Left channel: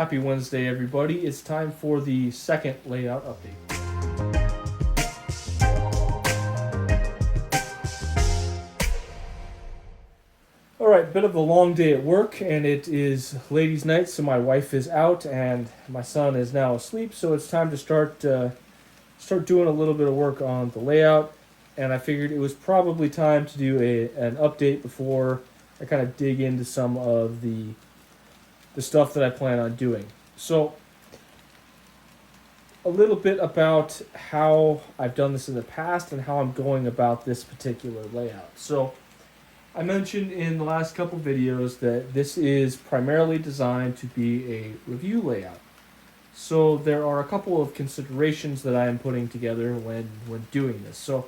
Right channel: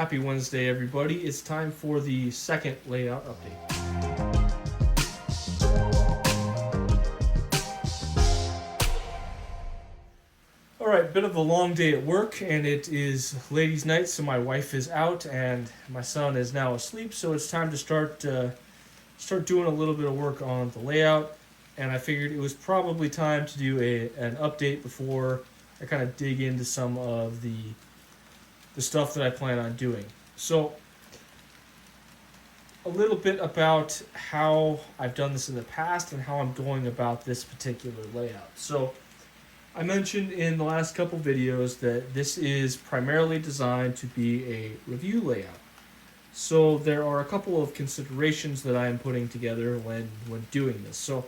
Happy Wednesday, everybody. It's time for the second layout update. Alright, bit of a long day at work, and it is ladies' night, so my wife is out and my son is now asleep, so it's time to start doing a little bit of work on the layout. And I figured it was probably time to do an update before I kind of dig into some of the stuff that I plan on doing. So, a little bit about how I've done this in the past and how I'm going about this particular layout. So, I mentioned in the last couple videos that this is primarily designed to be a review layout. So there are a couple of considerations that I am putting together when doing this. So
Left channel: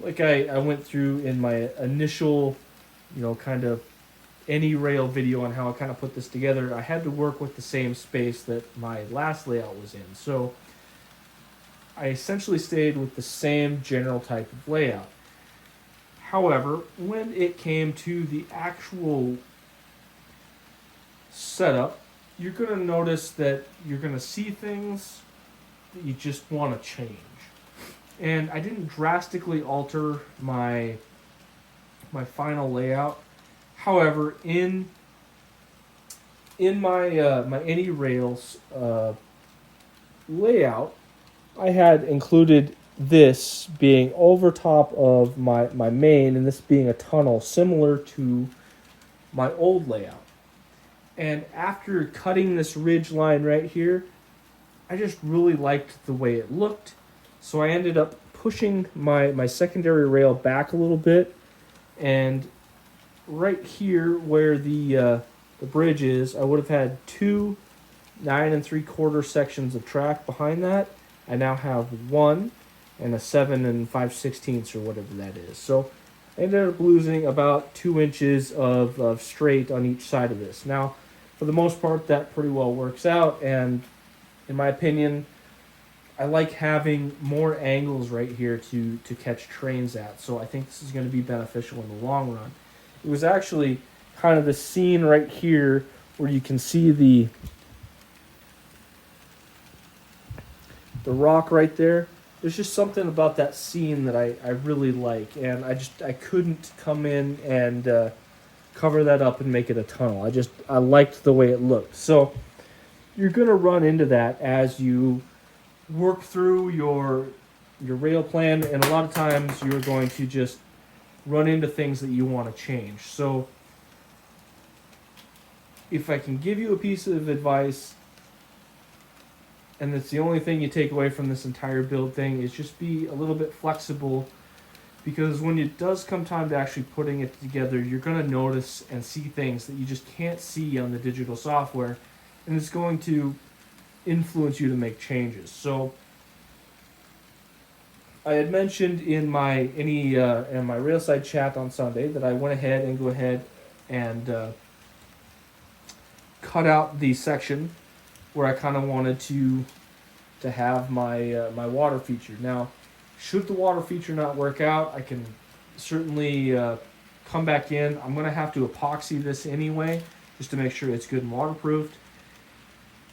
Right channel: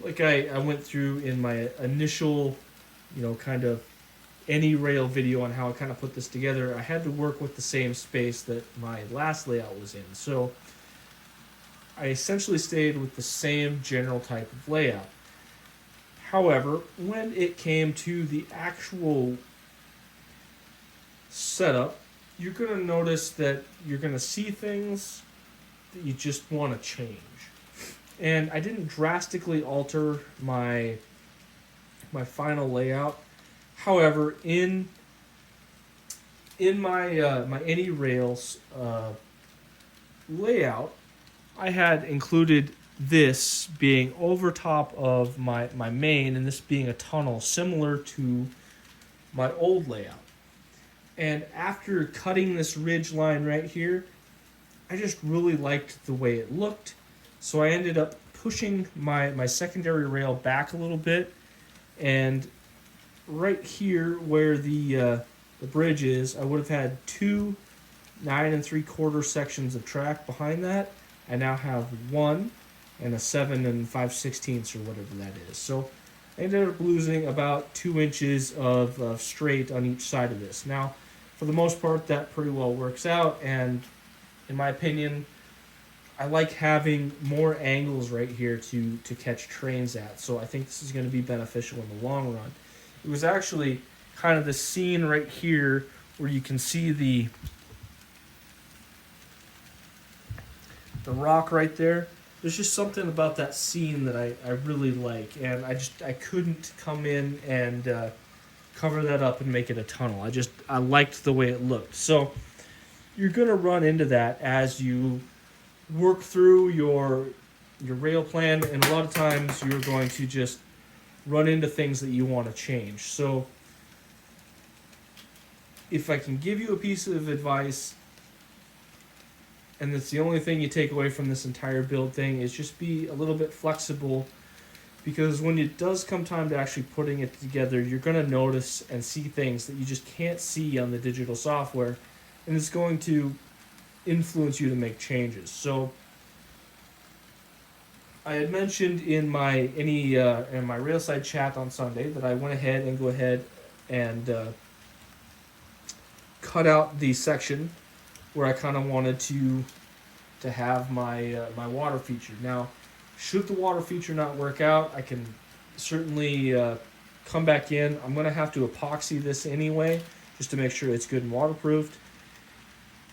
like I went through in my initial, kind of AnyRail video on how I kind of put this together, I had to work with the same space that my last layout was in. So I essentially stayed with the same general type of layout. However, when it came to the actual setup, you're going to notice that you're going to see things that you just want to change. And I didn't drastically alter my final layout. However, in my my AnyRails layout, I had included this being over top of my main, and this being a tunnel similar to my old layout. And after cutting this ridge line right here, I just really liked the way it looked. So I ended up pushing my secondary rail back a little bit, and right here where the bridge is, I would have had two 9 3/4 sections of track behind that. I now have one and a 7 5/16 or whatever that is. So I ended up losing about 2 inches of straight on each side of this. Now, for the most part, that pretty well works out, and in my opinion, I like having more angles right here to catch trains at. So I think this is going to be beneficial in the long run. It was actually kind of the scene right here where you can see the rock right there. There's just something about that scene that I really like, and I couldn't come in and cover that up and make it a tunnel. I liked the way it looked. So you're gonna run into that as you work through your rail plan, and a lot of times you're going to just run into things that you want to change. So if I can give you a piece of advice, and that's the only thing you take away from this entire build thing, is just be a little bit flexible, because when it does come time to actually putting it together, you're going to notice and see things that you just can't see on the digital software, and it's going to influence you to make changes. So I had mentioned in my Railside chat on Sunday that I went ahead and cut out the section where I kind of wanted to have my water feature. Now, should the water feature not work out, I can certainly come back in. I'm going to have to epoxy this anyway, just to make sure it's good and waterproofed.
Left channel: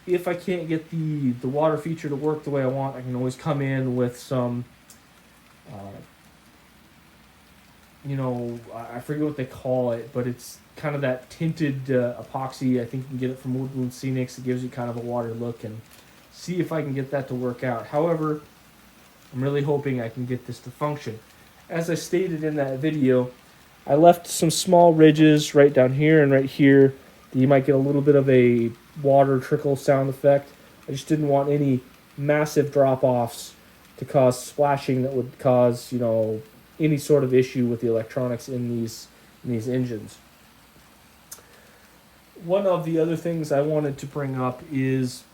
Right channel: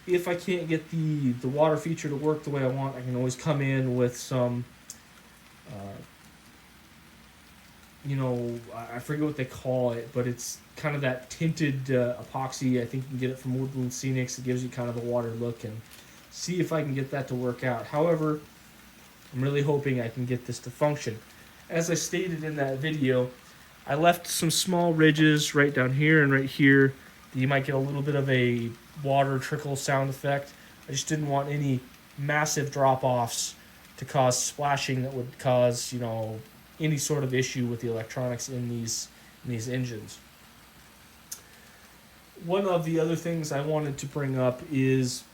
If I can't get the water feature to work the way I want, I can always come in with some, I forget what they call it, but it's kind of that tinted epoxy. I think you can get it from Woodland Scenics. It gives you kind of a water look, and see if I can get that to work out. However, I'm really hoping I can get this to function. As I stated in that video, I left some small ridges right down here and right here that you might get a little bit of a water trickle sound effect. I just didn't want any massive drop-offs to cause splashing that would cause, any sort of issue with the electronics in these engines. One of the other things I wanted to bring up is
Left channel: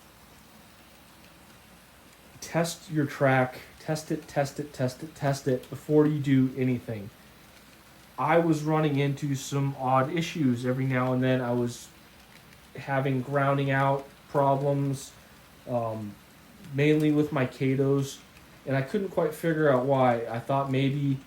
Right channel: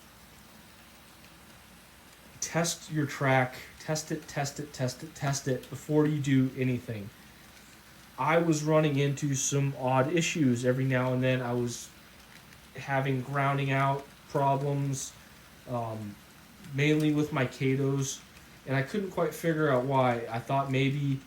test your track. Test it before you do anything. I was running into some odd issues every now and then. I was having grounding out problems, mainly with my Katos, and I couldn't quite figure out why. I thought maybe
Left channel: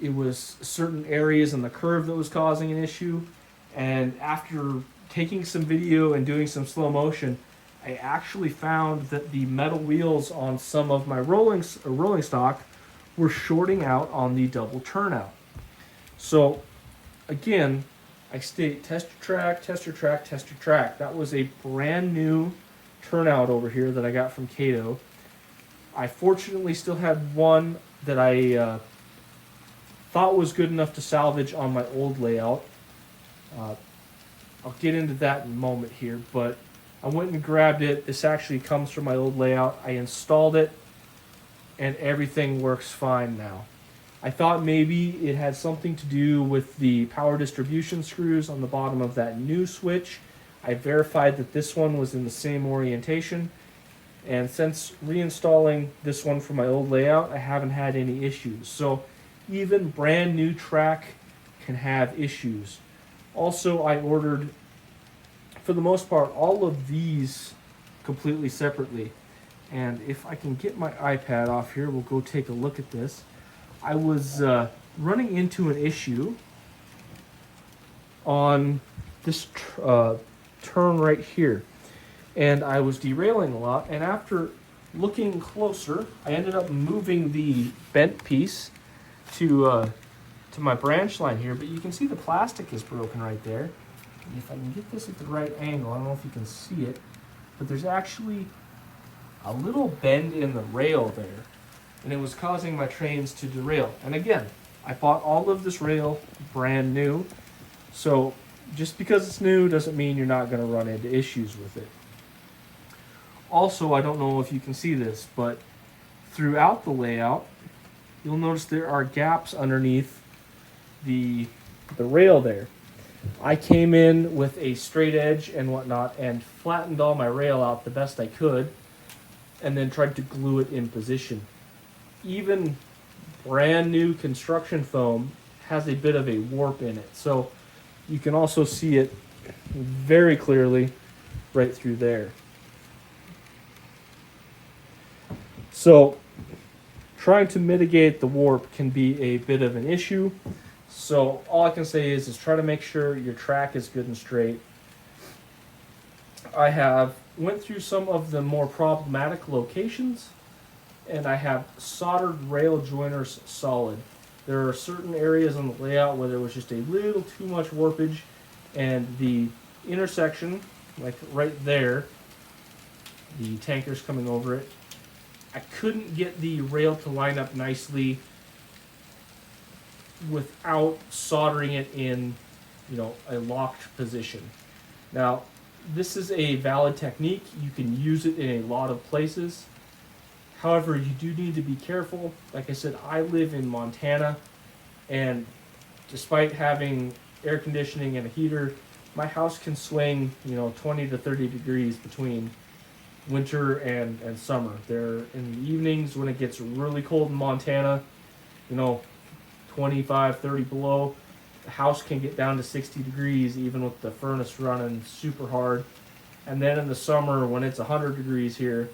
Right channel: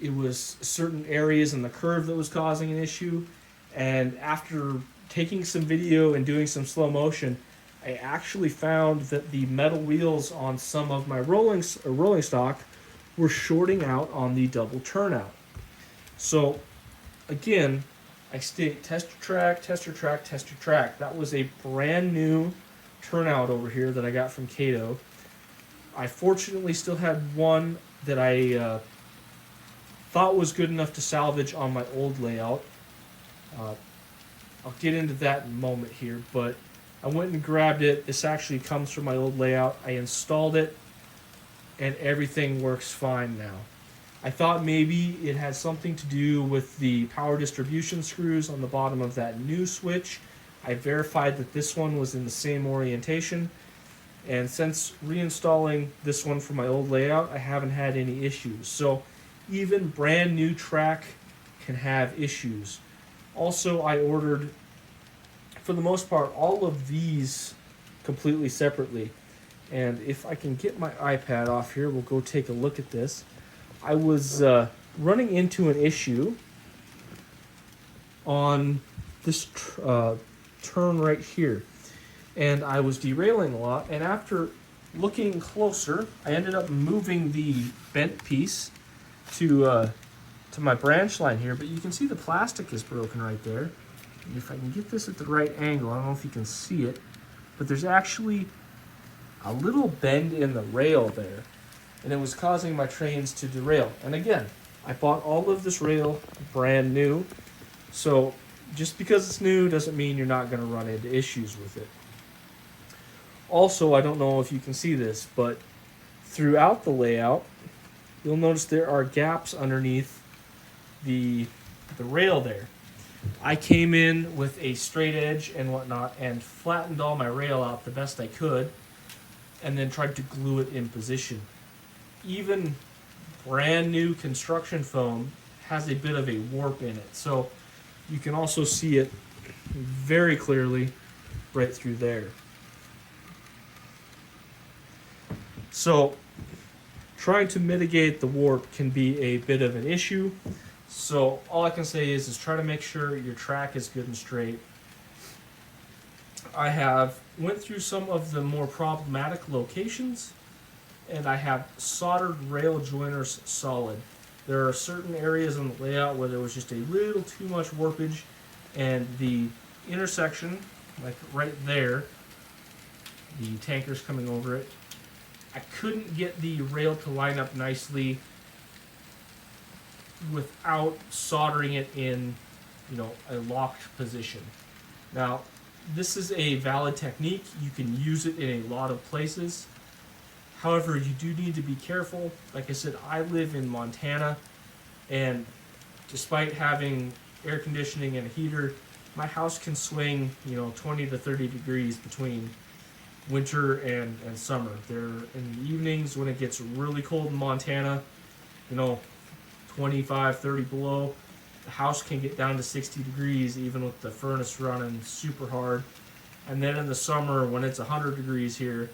it was certain areas in the curve that was causing an issue, and after taking some video and doing some slow motion, I actually found that the metal wheels on some of my rolling stock were shorting out on the double turnout. So again, I state tester track, tester track, tester track. That was a brand new turnout over here that I got from Kato. I fortunately still had one that I thought was good enough to salvage on my old layout. I'll get into that in a moment here, but I went and grabbed it. This actually comes from my old layout. I installed it, and everything works fine now. I thought maybe it had something to do with the power distribution screws on the bottom of that new switch. I verified that this one was in the same orientation, and since reinstalling this one from my old layout, I haven't had any issues. So even brand new track can have issues. Also, I ordered, for the most part, all of these completely separately. And if I can get my iPad off here, we'll go take a look at this. I was running into an issue on this turn right here, and I was derailing a lot, and after looking closer, I ended up moving the bent piece to my branch line here, but you can see the plastic is broken right there. And if I can get this at the right angle, I don't know if you can see it, but there's actually a little bend in the rail there, and it was causing my trains to derail. And again, I bought all of this rail brand new, so just because it's new doesn't mean you're not going to run into issues with it. Also, I don't know if you can see this, but throughout the layout, you'll notice there are gaps underneath the rail there. I came in with a straight edge and whatnot and flattened all my rail out the best I could, and then tried to glue it in position. Even brand new construction foam has a bit of a warp in it, so you can also see it very clearly right through there. So trying to mitigate the warp can be a bit of an issue. So all I can say is try to make sure your track is good and straight. I have went through some of the more problematic locations, and I have soldered rail joiners solid. There are certain areas in the layout where there was just a little too much warpage, and the intersection, like right there, the tankers coming over it, I couldn't get the rail to line up nicely without soldering it in, a locked position. Now, this is a valid technique. You can use it in a lot of places. However, you do need to be careful. Like I said, I live in Montana, and despite having air conditioning and a heater, my house can swing, 20 to 30 degrees between winter and summer. There, in the evenings when it gets really cold in Montana, 25, 30 below, the house can get down to 60 degrees even with the furnace running super hard. And then in the summer when it's 100 degrees here,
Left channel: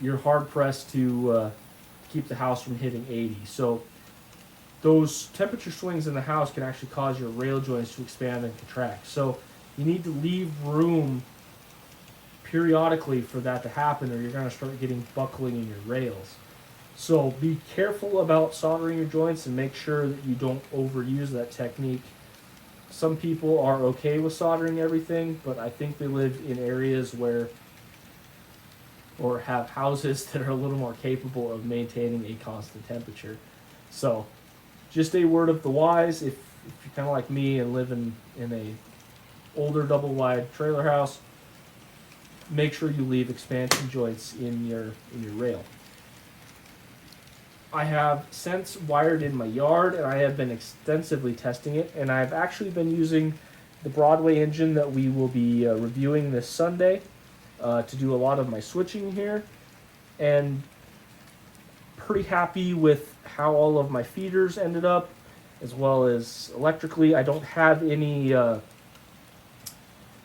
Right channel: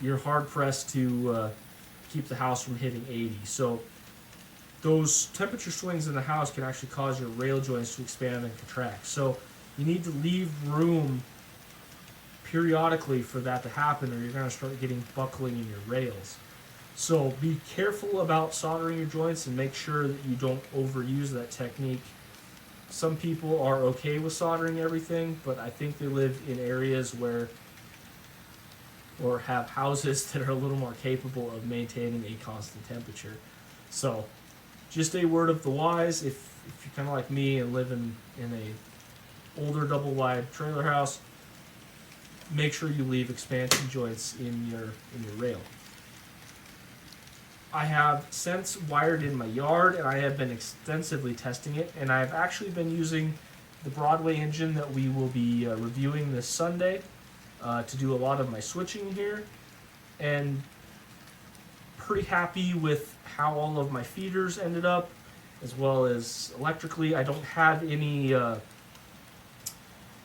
you're hard pressed to keep the house from hitting 80. So those temperature swings in the house can actually cause your rail joints to expand and contract. So you need to leave room periodically for that to happen, or you're going to start getting buckling in your rails. So be careful about soldering your joints and make sure that you don't overuse that technique. Some people are okay with soldering everything, but I think they live in areas or have houses that are a little more capable of maintaining a constant temperature. So just a word of the wise, if you're kind of like me and live in a older double wide trailer house, make sure you leave expansion joints in your rail. I have since wired in my yard, and I have been extensively testing it, and I've actually been using the Broadway engine that we will be reviewing this Sunday to do a lot of my switching here, and pretty happy with how all of my feeders ended up, as well as electrically. I don't have any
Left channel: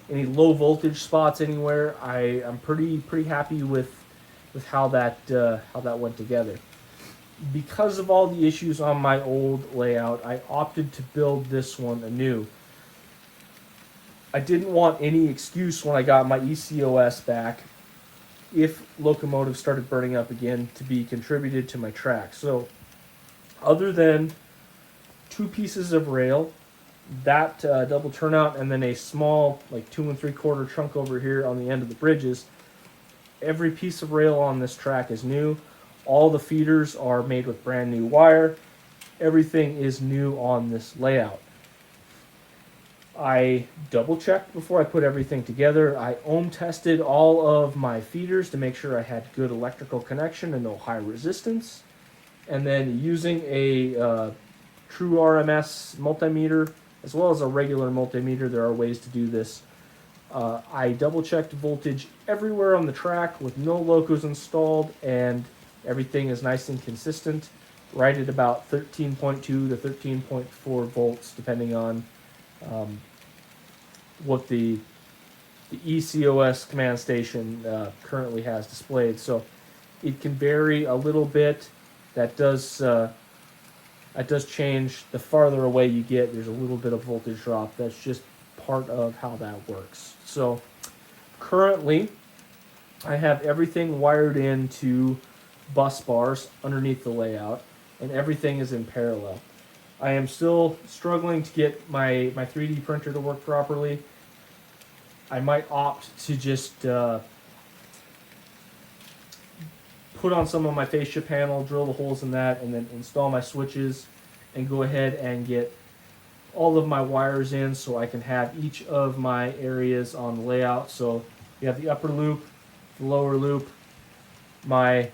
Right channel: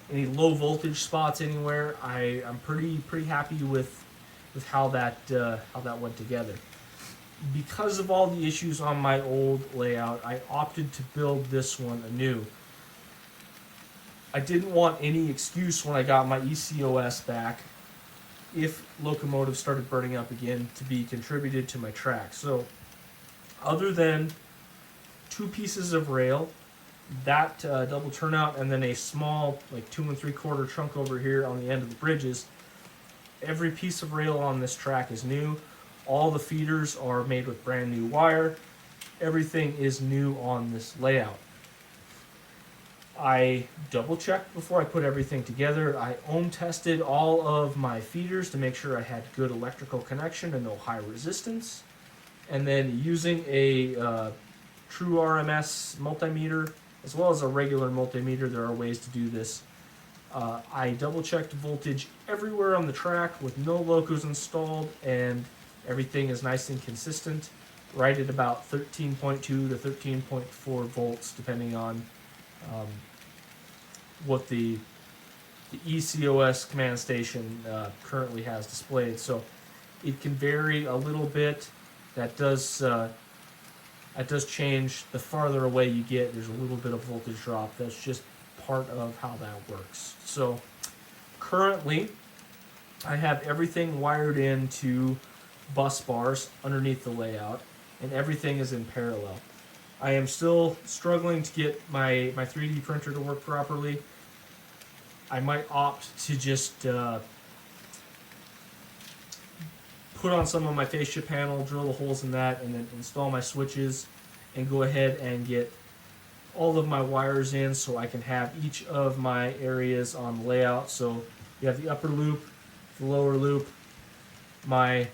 low voltage spots anywhere. I'm pretty happy with how that went together. Because of all the issues on my old layout, I opted to build this one anew. I didn't want any excuse when I got my ECOS back if locomotives started burning up again to be contributed to my track. So other than 2 pieces of rail, that double turnout, and then a small like 2 3/4 chunk over here on the end of the bridges, every piece of rail on this track is new. All the feeders are made with brand new wire. Everything is new on this layout. I double checked before I put everything together. I ohm tested all of my feeders to make sure I had good electrical connection and no high resistance. And then using a true RMS multimeter as well as a regular multimeter, there are ways to do this. I double checked voltage everywhere on the track with no locos installed, and everything is nice and consistent, right at about 13.2 to 13.4 volts, depending on what the ECOS command station currently has displayed. So it can vary a little bit. That does change the farther away you get. There's a little bit of voltage drop. That's just part of how that works. So currently, I have everything wired into bus bars underneath the layout, and everything is in parallel. I am still struggling to get my 3D printer to work properly. I might opt to just put on some of my fascia panel, drill the holes in that, and then install my switches and go ahead and get all of my wires in so I can have each of my areas on the layout. So you have the upper loop, the lower loop, my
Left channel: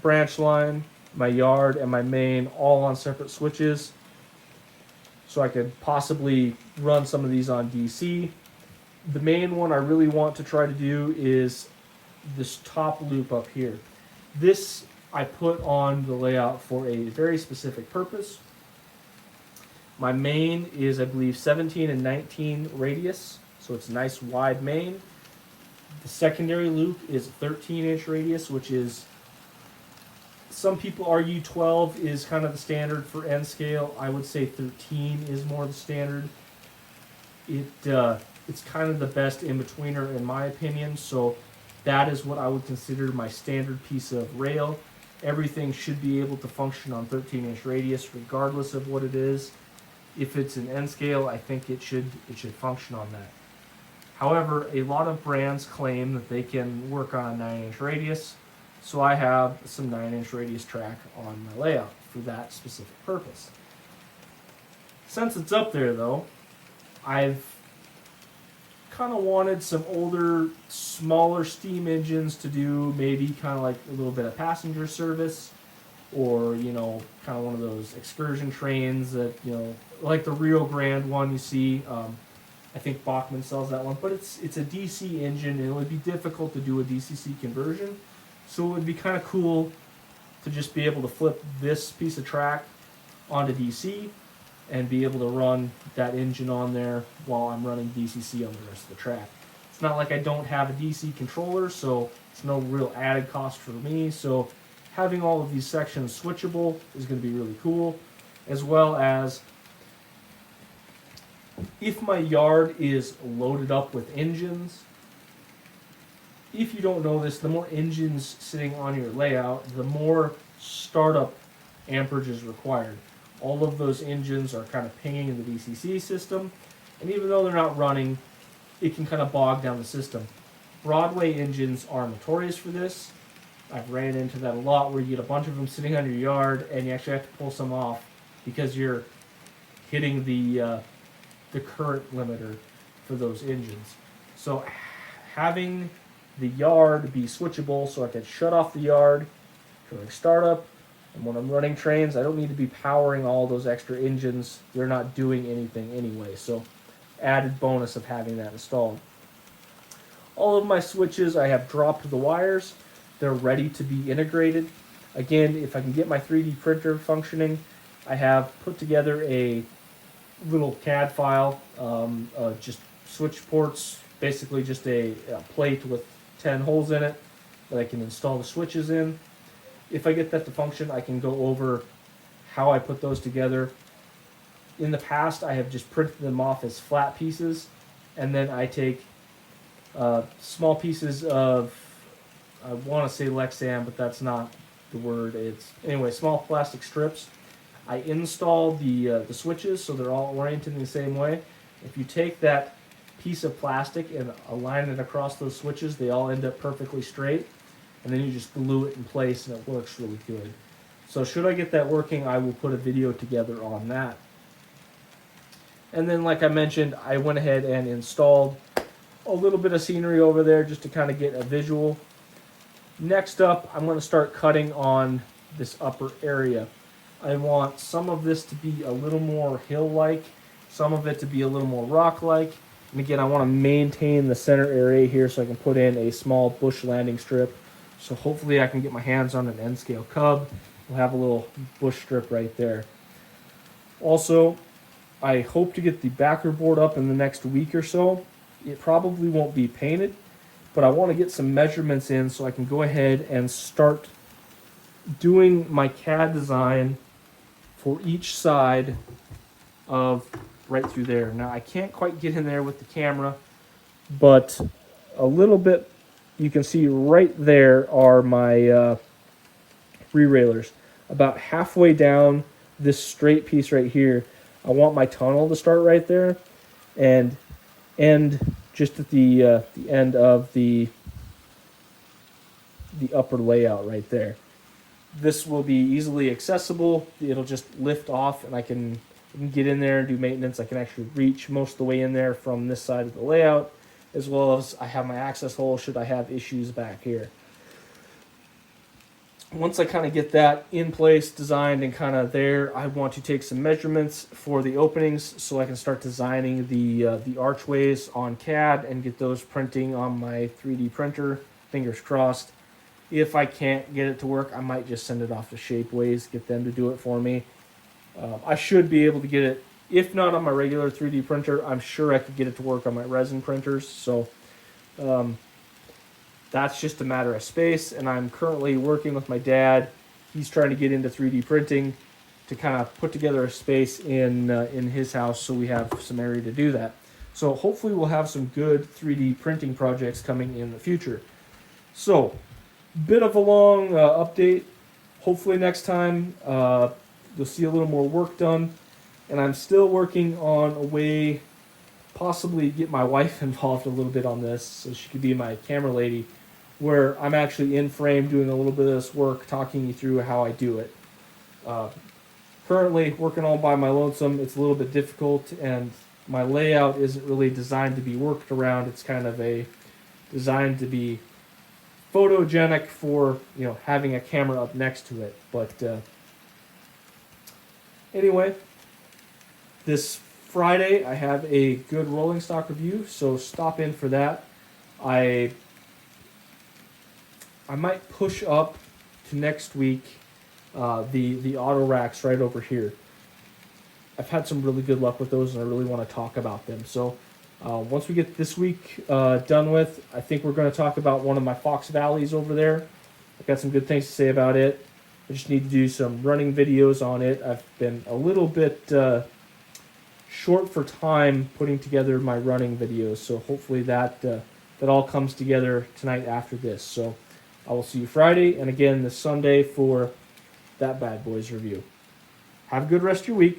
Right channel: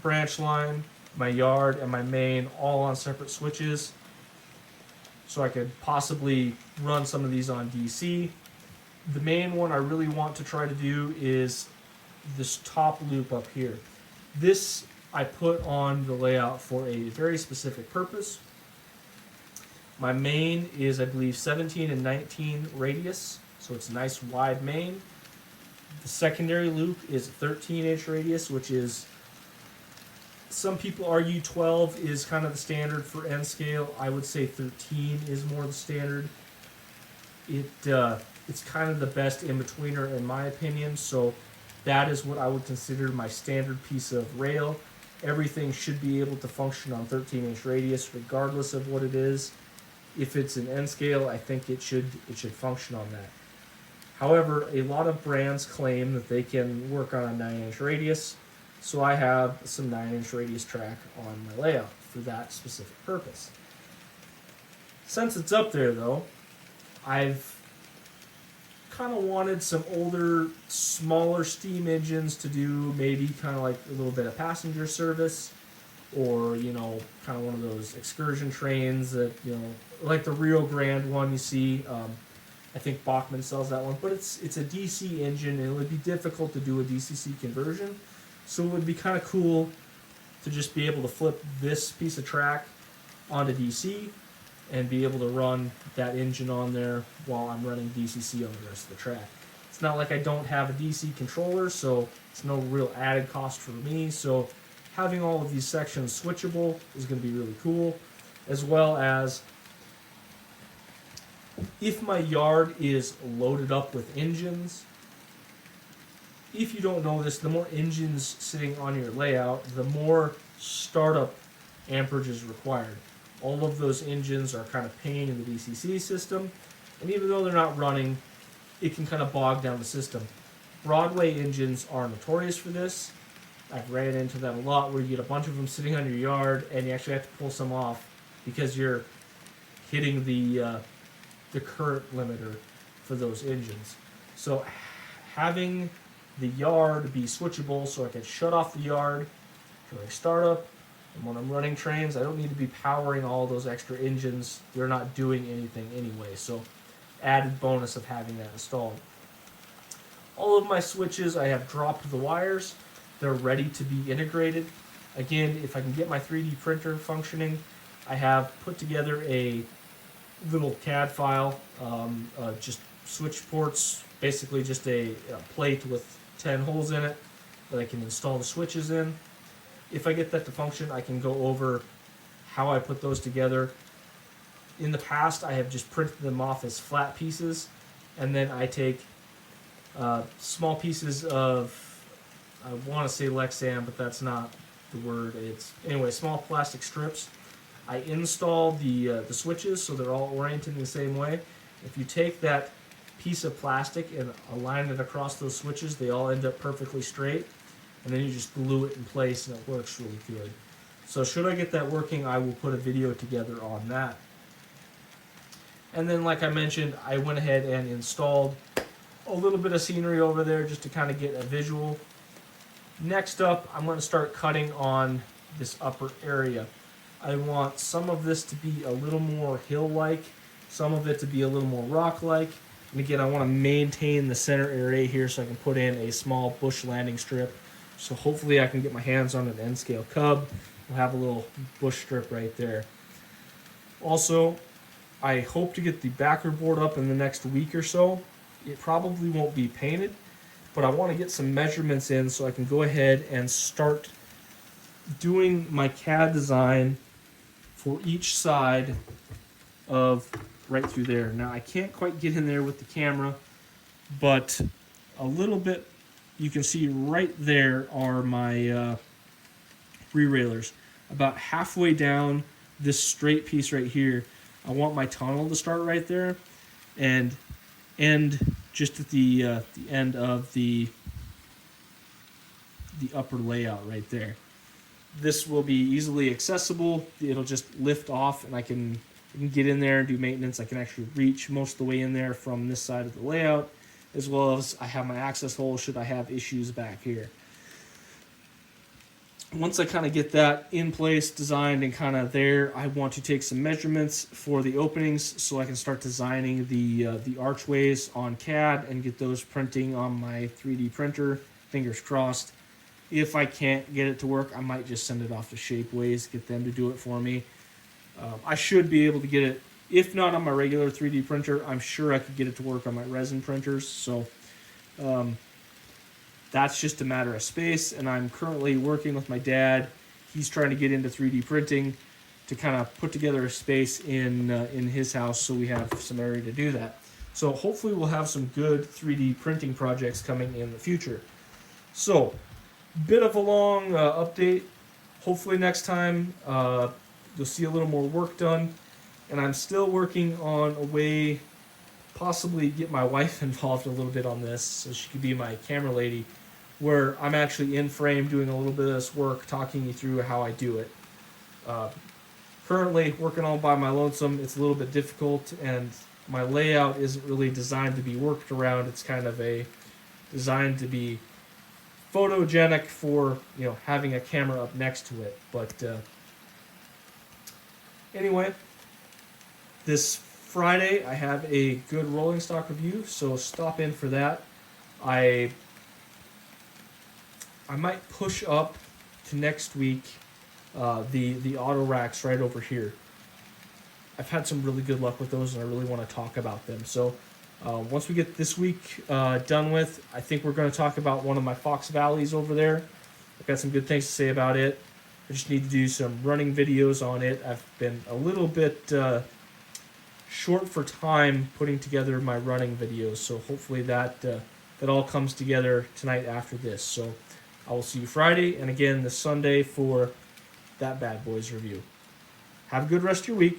branch line, my yard, and my main all on separate switches. So I could possibly run some of these on DC. The main one I really want to try to do is this top loop up here. This I put on the layout for a very specific purpose. My main is, I believe, 17 and 19 radius, so it's a nice wide main. The secondary loop is 13-inch radius, which is, some people argue 12 is kind of the standard for N scale. I would say 13 is more the standard. It's kind of the best in-betweener in my opinion, so that is what I would consider my standard piece of rail. Everything should be able to function on 13-inch radius regardless of what it is. If it's an N scale, I think it should function on that. However, a lot of brands claim that they can work on a 9-inch radius, so I have some 9-inch radius track on my layout for that specific purpose. Since it's up there though, I've kind of wanted some older, smaller steam engines to do maybe kind of like a little bit of passenger service, or kind of one of those excursion trains that like the Rio Grande one you see. I think Bachmann sells that one, but it's a DC engine, and it would be difficult to do a DCC conversion. So it would be kind of cool to just be able to flip this piece of track onto DC and be able to run that engine on there while I'm running DCC on the rest of the track. It's not like I don't have a DC controller, so it's no real added cost for me. So having all of these sections switchable is going to be really cool, as well as if my yard is loaded up with engines. If you don't know this, the more engines sitting on your layout, the more startup amperage is required. All of those engines are kind of pinging in the DCC system, and even though they're not running, it can kind of bog down the system. Broadway engines are notorious for this. I've ran into that a lot, where you get a bunch of them sitting on your yard, and you actually have to pull some off because you're hitting the current limiter for those engines. So having the yard be switchable, so I can shut off the yard during startup, and when I'm running trains, I don't need to be powering all those extra engines. They're not doing anything anyway, so added bonus of having that installed. All of my switches, I have dropped the wires. They're ready to be integrated. Again, if I can get my 3D printer functioning, I have put together a little CAD file, just switch ports, basically just a plate with 10 holes in it that I can install the switches in. If I get that to function, I can go over how I put those together. In the past, I have just printed them off as flat pieces. and then I take small pieces of, I want to say Lexan, but that's not the word. It's anyway, small plastic strips. I install the switches so they're all oriented in the same way. If you take that piece of plastic and align it across those switches, they all end up perfectly straight, and then you just glue it in place and it works really good. So should I get that working, I will put a video together on that. And then, like I mentioned, I went ahead and installed a little bit of scenery over there just to kind of get a visual. Next up, I'm going to start cutting on this upper area. I want some of this to be a little more hill-like, some of it to be a little more rock-like. And again, I want to maintain the center area here so I can put in a small bush landing strip. So hopefully I can get my hands on an N-scale cub. We'll have a little bush strip right there. Also, I hope to get the backer board up in the next week or so. It probably won't be painted, but I want to get some measurements in so I can go ahead and start doing my CAD design for each side of right through there. Now I can't quite get in there with the camera, but a little bit, you can see right there are my re-railers. About halfway down this straight piece right here, I want my tunnel to start right there and end just at the end of the upper layout right there. This will be easily accessible. It'll just lift off and I can get in there and do maintenance. I can actually reach most of the way in there from this side of the layout, as well as I have my access hole should I have issues back here. Once I kind of get that in place, designed and kind of there, I want to take some measurements for the openings so I can start designing the archways on CAD and get those printing on my 3D printer, fingers crossed. If I can't get it to work, I might just send it off to Shapeways, get them to do it for me. I should be able to get it, if not on my regular 3D printer, I'm sure I could get it to work on my resin printers. So that's just a matter of space, and I'm currently working with my dad. He's trying to get into 3D printing to kind of put together a space in his house so we have some area to do that. So hopefully we'll have some good 3D printing projects coming in the future. So, bit of a long update. Hopefully next time you'll see a little more work done, and I'm still working on a way possibly get my wife involved a little bit on this so she could be my camera lady, where I'm actually in frame doing a little bit of this work, talking you through how I do it. Currently working all by my lonesome, it's a little bit difficult, and my layout isn't really designed to be worked around. It's kind of designed to be photogenic for, you know, having a camera up next to it. But anyway, this Friday I have a good rolling stock review, so stop in for that. I might push up to next week the auto racks right over here. I've had some really good luck with those, and I really want to talk about them. So once we get this week done with, I think we're going to talk about one of my Fox Valleys over there. I've got some good things to say about it. I just need to do some running videos on it. I've been a little bit short for time putting together my running videos, so hopefully that all comes together tonight after this. So I will see you Friday, and again this Sunday for that Bad Boys review. Have a good rest of your week.